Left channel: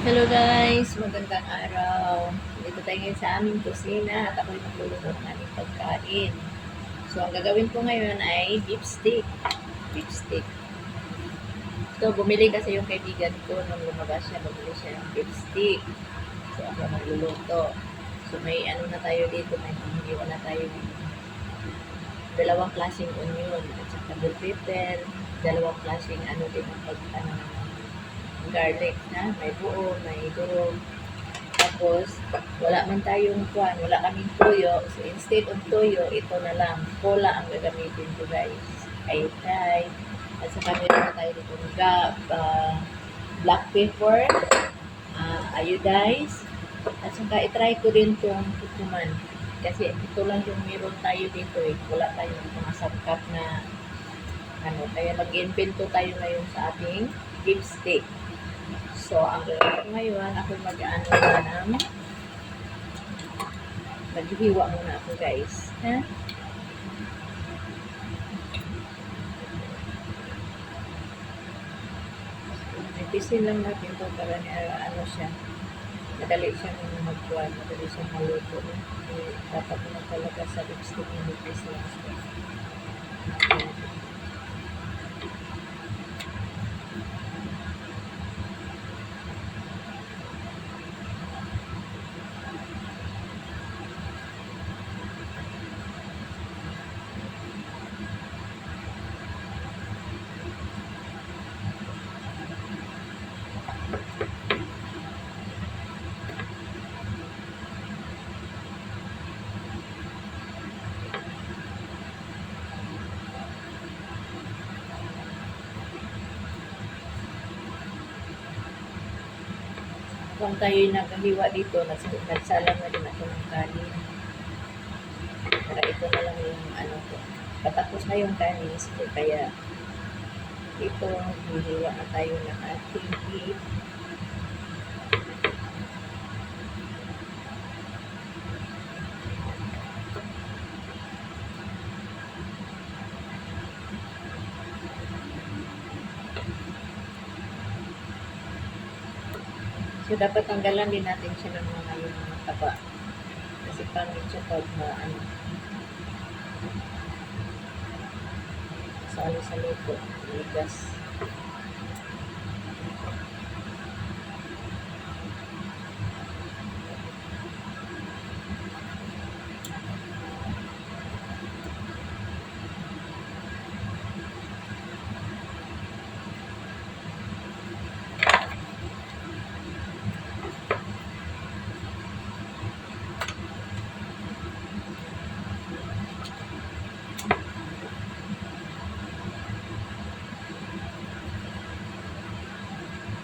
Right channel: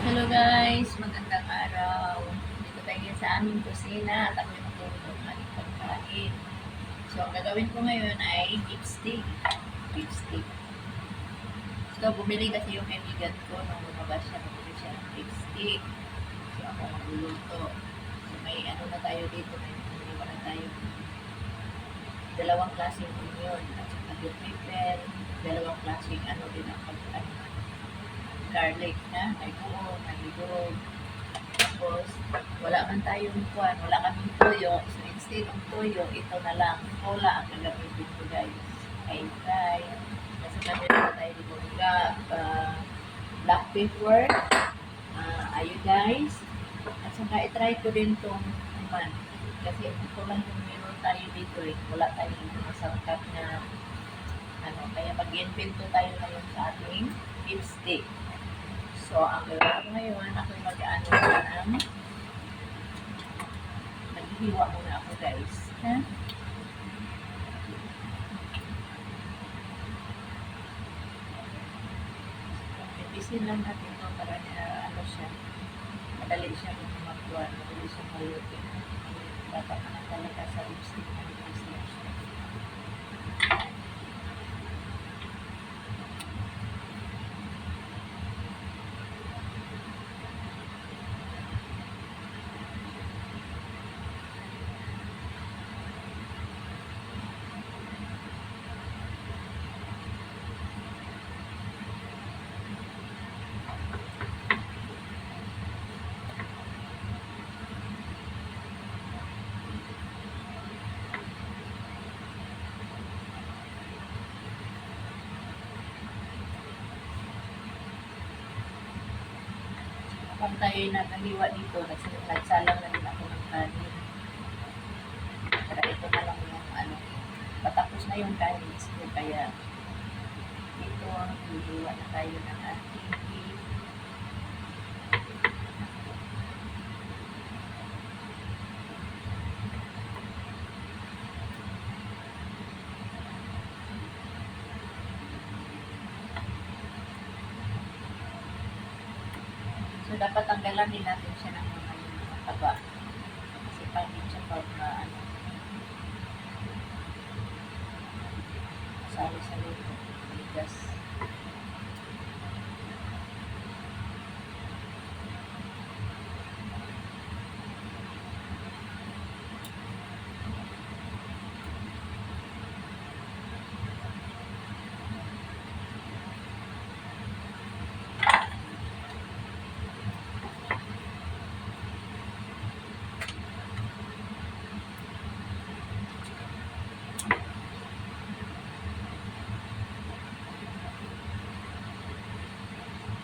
Hello guys, magandang araw. Dito tayo ngayon sa aming kusina at ako'y magluluto ng aming pagkain. So, ang gagawin ko ngayon ay beef steak. Beef steak. So, bumili kasi yung kaibigan ko nung lumabas siya, bumili siya ng beef steak. So, ako magluluto. So, may ano na tayo dito, may hiniwa na tayo dalawang klaseng onion at saka bell pepper, dalawang klaseng ano din ang garlic na, may buo, may durog. Tapos, wala man tayong kuan, wala kaming tuyo. So, instead of tuyo, ito na lang. Cola ang gagamitin ko, guys. Ay fry. At saka meron na tayo dito black pepper, iodize. At saka itry ko din itong kukuman. Kasi ito lang yung meron tayo dito eh. Wala tayong mga sangkap na ano. Kaya mag-invento tayo ngayon sa ating beef steak. So, ang gagawin ko ngayon, ako mag-ano na ng maghihiwa muna ako, guys. Ha? Itisin lang natin to para ano siya. Madali siyang magkuhan, madali siyang maluto. Dapat naman talaga sa lipstick na nipis lang siya. Kung tayo naghiwa dito, nagsalang na din ako ng kanin. Para ito na lang yung ano ko. Patapos na yung kanis ko, kaya ito ang hihiwa na tayo ng ating beef. So, dapat tanggalan din natin siya ng yung mga taba. Kasi pangit siya pag salo sa luto, ligas.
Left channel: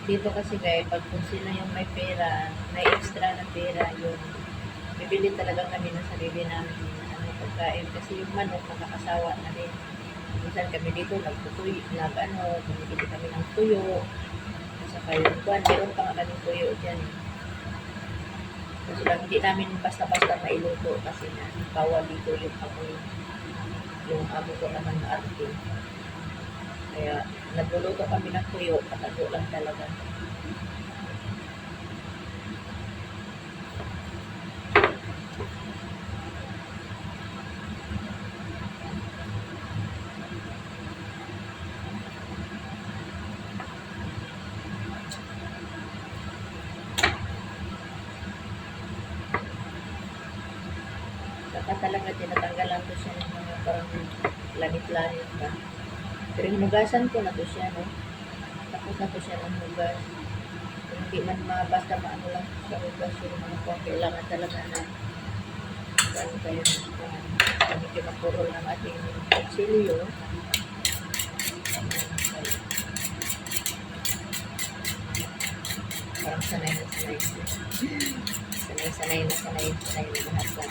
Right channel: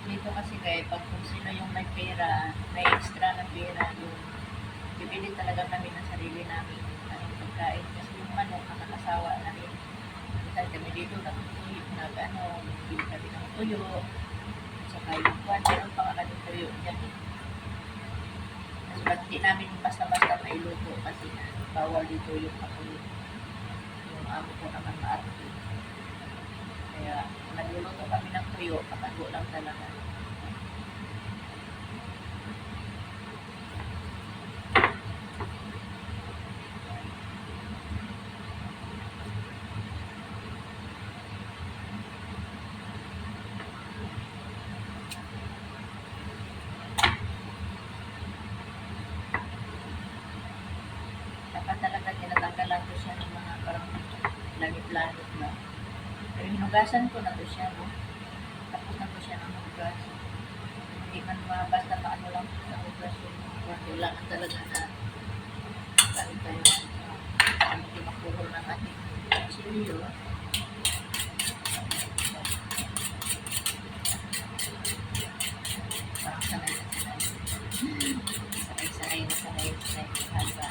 Dito kasi guys, pag kung sino yung may pera, may extra na pera, yung bibili talaga kami ng sarili namin ng pagkain. Kasi yung manok, nakakasawa na rin. Minsan kami dito, bumibili kami ng tuyo. Saka yung kuwan, meron pa nga kami tuyo dyan. Kasi lang, hindi namin basta-basta mailuto kasi na bawal dito yung amoy. Yung amo ko naman maarte. Kaya nagluluto kami ng tuyo, patago lang talaga. Saka talaga tinatanggal lang to siya ng mga parang lanit-lanit ba. Pero hinugasan ko na to siya, no? Tapos na to siya ng hugas. Hindi man basta maano lang sa hugas yung mga kuwan. Kailangan talaga na gano'n tayo kami kinapurol ng ating kutsilyo. Parang sanay na sanay. Sanay na lahat sa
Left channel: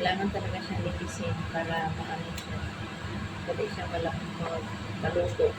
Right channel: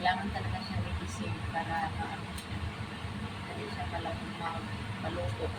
kailangan talaga siyang linisin para maano siya. Dali siya maluto.